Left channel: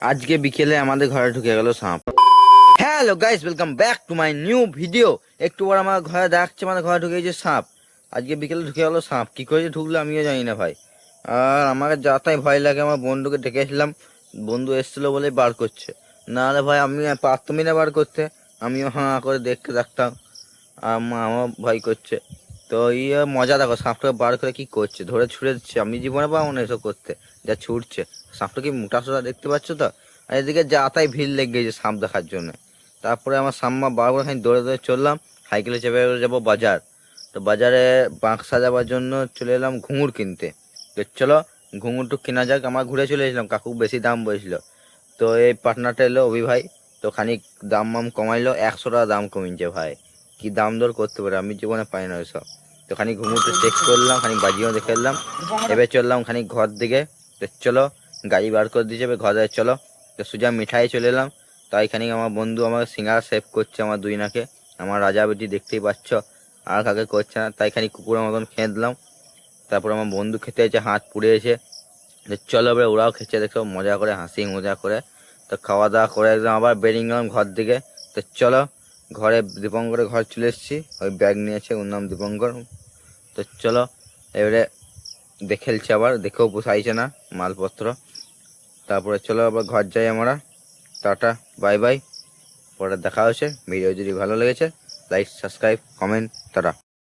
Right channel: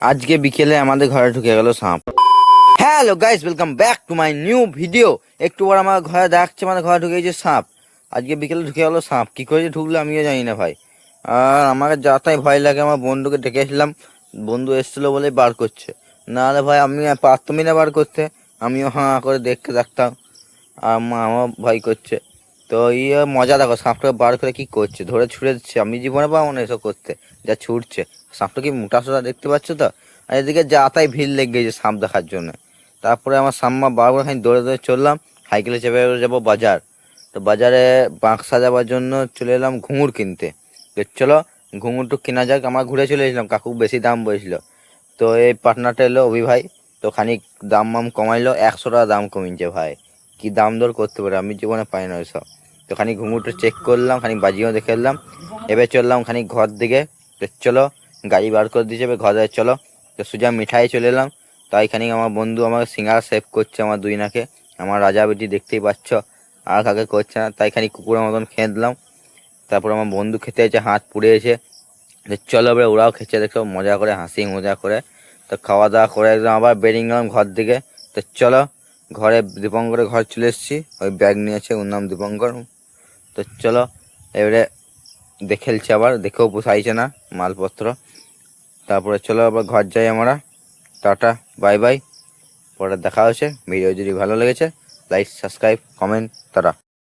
আজকে বিকেলে আমাদের ঘরে ঢুকে গেল সাপ। Hello guys, welcome back to my new video. একটু পর আমার ঘরে দেখছে, আমাদের ঘরে ঢুকে গেছে সাপ। আজকে বিকেলে ঢুকে গেল সাপ, কি করে যে ঢুকলো আমিও জানি না ভাই। আর আমাকে যাতাই ভয় লাগে। আমার বন্ধুকে ডেকেছিলাম, বন্ধু এসেছিল বলে বার করছে, নাহলে ভাই আমি পারতামই না বার করতে। আমিও হাঁ করে দেখতে থাকতাম, আর আমার ভয় করছে। তো মজা দেখো, সাপটাকে বার করে কি করছে, ধরে ছুঁড়ে দিচ্ছে। আমি জীবনে পাবো না এসব করতে, যা ছুটছে। সাপটা কি মোটা সোটা দেখতে পাচ্ছ তো। আর এদিকে যাতাই ভিড় লেগে গেছে সাপ দেখার জন্য। তারপরে আমার সাম্মা বারবার খানি দৌড়ে দৌড়ে চললাম, সাইকেলে চেপে যাবো বাজার। তো বাজারে বাঁক সাজাবার জন্য চলে এলাম ঘুঙুর কিনতে। তো চলো ঘুঙুরটু কেনা যাক। আমার ঘুরে চলে এসলাম, কাকু বেশি দাম বলেছিল। তো এই পার্টনারটা এলো অভি ভাই, তো খানিক দাম মাম কমাইলো, 100 টাকা দাম কমিয়েছে ভাই। কি দাম দর করতে পারে, আমি জীবনে পাই না ওইসব। তো খানিক ঘুঙুরটা চেক করলাম, খানিক বাজিও দেখে এলাম। এবার চললাম খানিক ঘর দিকে। তো চলো গাড়ি বার করে দিয়েছে, এবার ঘরে চলো। তো সোজা মিঠাই চলে এলাম। তাই খানিক আমার বন্ধু আমাকে সিঙ্গারা সেভ করছে, আমার দুই নাকে। আমার রাজা বেটি দেখতেই পাচ্ছ, আর কাকে করছে না। তাই খানিক কুকুরের মতন খেয়ে দিলাম। তারপর আমার বন্ধু খেতে এসে হাত পুড়িয়েছে। চলো এবার ওরাও খেতে দেখো মজা করে, হাসি মজা করে। তো খাওয়া দাওয়া করে একদম আবার বেরিয়ে গেলাম ঘর দিকে। তো চলো ঘরে দীপঙ্করের ঘর চলে এসেছি, ওই ব্যাগ নিয়েছে, ওর নাম দীপঙ্কর। তো চলো এবারে দেখেলছি, আবার দেখেও পোষাইছে না মালপত্র। তারপরে চলো আবার ঘর যাই আমরা। টাটা, বাই বাই, পরে দেখা হচ্ছে। ভিডিও যদি ভালো লেগেছে লাইক, সাবস্ক্রাইব, কমেন্ট, টাটা।